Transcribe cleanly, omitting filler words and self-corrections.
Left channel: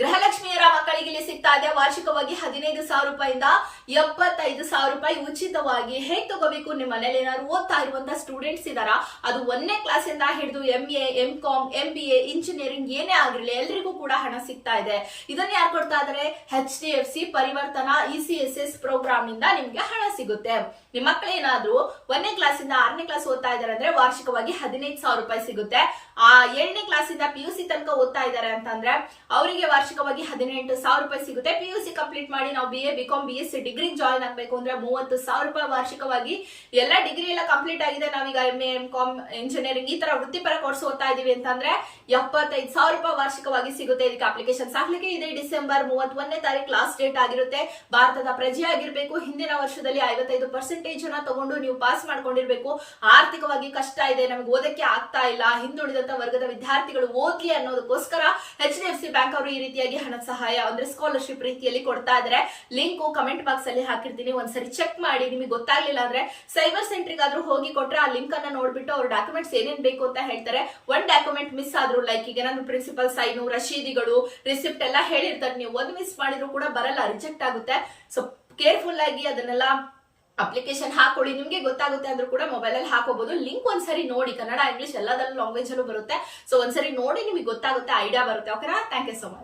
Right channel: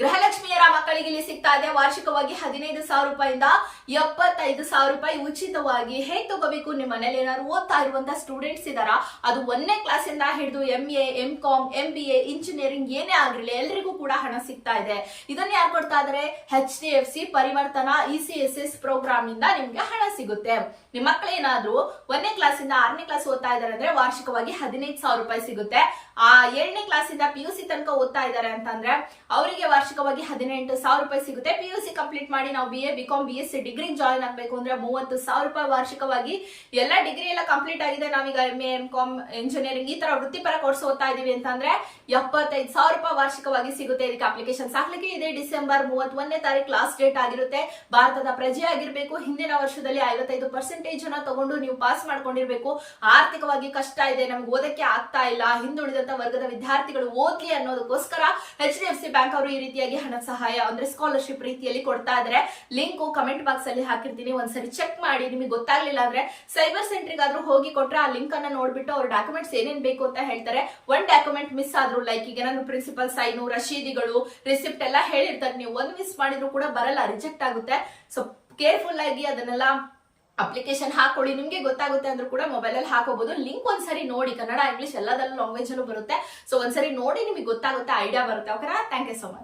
ಗೃಹಲಕ್ಷ್ಮಿಯರ ಮಕ್ಕಳಿಗೆ ಇಲ್ಲಿ ಸಿಗ್ತಾ ಇದೆ ವಾರ್ಷಿಕವಾಗಿ 15,000 ರೂಪಾಯಿಂದ 75,000 ರೂಪಾಯಿ ಉಚಿತವಾಗಿ. ಹೇಗ್ ತಗೋಬೇಕು? ನಿಮ್ಮ ಮನೇಲಿ ಏನಾದ್ರು ಓದ್ತಾ ಇರುವಂತ ಸ್ಟೂಡೆಂಟ್ಸ್ ಇದಾರ, ಅದು 1ನೇ ಕ್ಲಾಸಿಂದ ಹಿಡಿದು MA, MCom, MBA, ಇಂಜಿನಿಯರಿಂಗ್ ಏನೇ ಆಗಿರಲಿ ಎಲ್ರಿಗೂ ಕೂಡ ಹಣ ಸಿಗ್ತಾ ಇದೆ. ಇದನ್ನ ಯಾರು ಕೊಡ್ತಾ ಇದಾರೆ? HDFC ಪರಿವರ್ತನಾ ECSS ಪ್ರೋಗ್ರಾಮ್ ಇಂದ ನಿಮ್ಗೆ ಹಣ ಸಿಗುತ್ತೆ. ನಿಮ್ಮ ಮಕ್ಕಳು ಏನಾದ್ರು 1ನೇ ಕ್ಲಾಸಿಂದ 6ನೇ ಕ್ಲಾಸ್ ಓದ್ತಾ ಇದಾರೆ ಅಂದ್ರೆ ವಾರ್ಷಿಕವಾಗಿ 15,000 ರೂಪಾಯಿ ಸಿಗುತ್ತೆ. ಆ 7ನೇ ಕ್ಲಾಸಿಂದ PUC ತನಕ ಓದ್ತಾ ಇದಾರೆ ಅಂತಂದ್ರೆ ಅವರಿಗೆ ವಾರ್ಷಿಕವಾಗಿ 18,000 ರೂಪಾಯಿ ಸಿಗುತ್ತೆ. PUC ಕಂಪ್ಲೀಟ್ ಮಾಡಿ ನಾವು BA, BCom, BSc degree join ಆಗ್ಬೇಕು ಅಂದ್ರೆ 30,000 ರೂಪಾಯಿ ವಾರ್ಷಿಕವಾಗಿ. ಎಲ್ಲ ಡಿಗ್ರಿ ಎಲ್ಲ ಕಂಪ್ಲೀಟ್ ಆಗಿದೆ, ನಾವೀಗ MA, MCom, ಇಂಜಿನಿಯರಿಂಗ್ ಈ ತರ ವೃತ್ತಿಪರ ಕೋರ್ಸ್ ಓದ್ತಾ ಇದೀವಿ ಅಂತಂದ್ರೆ 75,000 ರೂಪಾಯಿ ವಾರ್ಷಿಕವಾಗಿ ಸಿಗುತ್ತೆ. ಇದಕ್ಕೆ ಅಪ್ಲಿಕೇಶನ್ ಹಾಕ್ಲಿಕ್ಕೆ ಇದೆ ಡಿಸೆಂಬರ್ 31ನೇ ತಾರೀಕು ಲಾಸ್ಟ್ ಡೇಟ್ ಆಗಿರುತ್ತೆ. ಭಾರತದ ಪ್ರಜೆ ಆಗಿರ್ಬೇಕು, ಹಿಂದಿನ ವರ್ಷದಲ್ಲಿ 55% ತಗೊಂಡು ನೀವು ಪಾಸ್ ಮಾಡ್ಕೊಂಡಿರ್ಬೇಕು. ಆರ್ಥಿಕವಾಗಿ ಕಷ್ಟ ಇದೆ, ನಮ್ಗೆ ಓದಕ್ಕೆ ಆಗ್ತಾ ಇಲ್ಲ, ಹಿಂದುಳಿದಂತ ವರ್ಗದ ವಿದ್ಯಾರ್ಥಿಗಳು ಓದ್ಲಿ ಅನ್ನೋದಕ್ಕೋಸ್ಕರ HDFC ಬ್ಯಾಂಕ್ ಅವರು ಈ ರೀತಿಯಾಗಿ ಹಣ ಸಹಾಯ ಅಂದ್ರೆ ಸ್ಕಾಲರ್ಶಿಪ್ ರೀತಿಯಲ್ಲಿ ಕೊಡ್ತಾ ಇದ್ದಾರೆ. ಲಿಂಕ್ ಕಮೆಂಟ್ ಬಾಕ್ಸ್ ಅಲ್ಲಿ ಹಾಕಿರ್ತೀನಿ, ಒಂದ್ಸರಿ ಚೆಕ್ ಮಾಡಿ. ನಿಮಗೆ ಗೊತ್ತಾಗ್ಲಿಲ್ಲ ಅಂದ್ರೆ ಸೈಬರ್ ಸೆಂಟರ್ ಆದ್ರೂ ಹೋಗಿ ಕೊಟ್ರೆ ಆ ಲಿಂಕ್ ಅನ್ನ ನೋಡ್ಬಿಟ್ಟು ಅವ್ರ ಡಾಕ್ಯುಮೆಂಟ್ಸ್ ಏನೇನ್ ಬೇಕು ಅಂತ ಹೇಳ್ತಾರೆ. ಒಂದ್ ಡಾಕ್ಯುಮೆಂಟ್ ಮಿಸ್ ಆದ್ರೂ, ಲೈಕ್ ಈಗ ನಾನು ಪ್ರಿನ್ಸಿಪಲ್ ಸೈನು, ರಶೀದಿಗಳು, ರಿಸಿಪ್ಟ್ ಎಲ್ಲ ಹೇಳಿರ್ತಾರೆ, ನೀವು ಒಂದು ಮಿಸ್ ಮಾಡಿದ್ರು ಕೂಡ ಬರಲ್ಲ, ರಿಜೆಕ್ಟ್ ಆಗುತ್ತೆ. ಸೊ ಕೇರ್ಫುಲ್ ಆಗಿ ಅದನ್ನೆಲ್ಲ ಅಪ್ಲಿಕೇಶನ್ ಹಾಕೊಳ್ಳಿ. ನಿಮ್ಗೆ ಗೊತ್ತಾಗುತ್ತೆ ಅಂದ್ರೂ ಕೂಡ ಮೊಬೈಲ್ ಅಲ್ಲಿ ಹಾಕೋಬಹುದು. ಲಿಂಕ್ ಒಂದ್ಸರಿ ನೋಡಿ, ಕನ್ನಡ ಇಂಗ್ಲಿಷ್ ಎಲ್ಲದಲ್ಲೂ ಲ್ಯಾಂಗ್ವೇಜ್ ಅಲ್ಲೂ ಬರುತ್ತೆ. ಸೊ ಒಂದ್ಸರಿ ನೋಡಿ, ನಿಮಗೆ ಗೊತ್ತಾಗುತ್ತೆ, ಐಡಿಯಾ ಬರುತ್ತೆ. ಓಕೆನಾ? Thank you so much.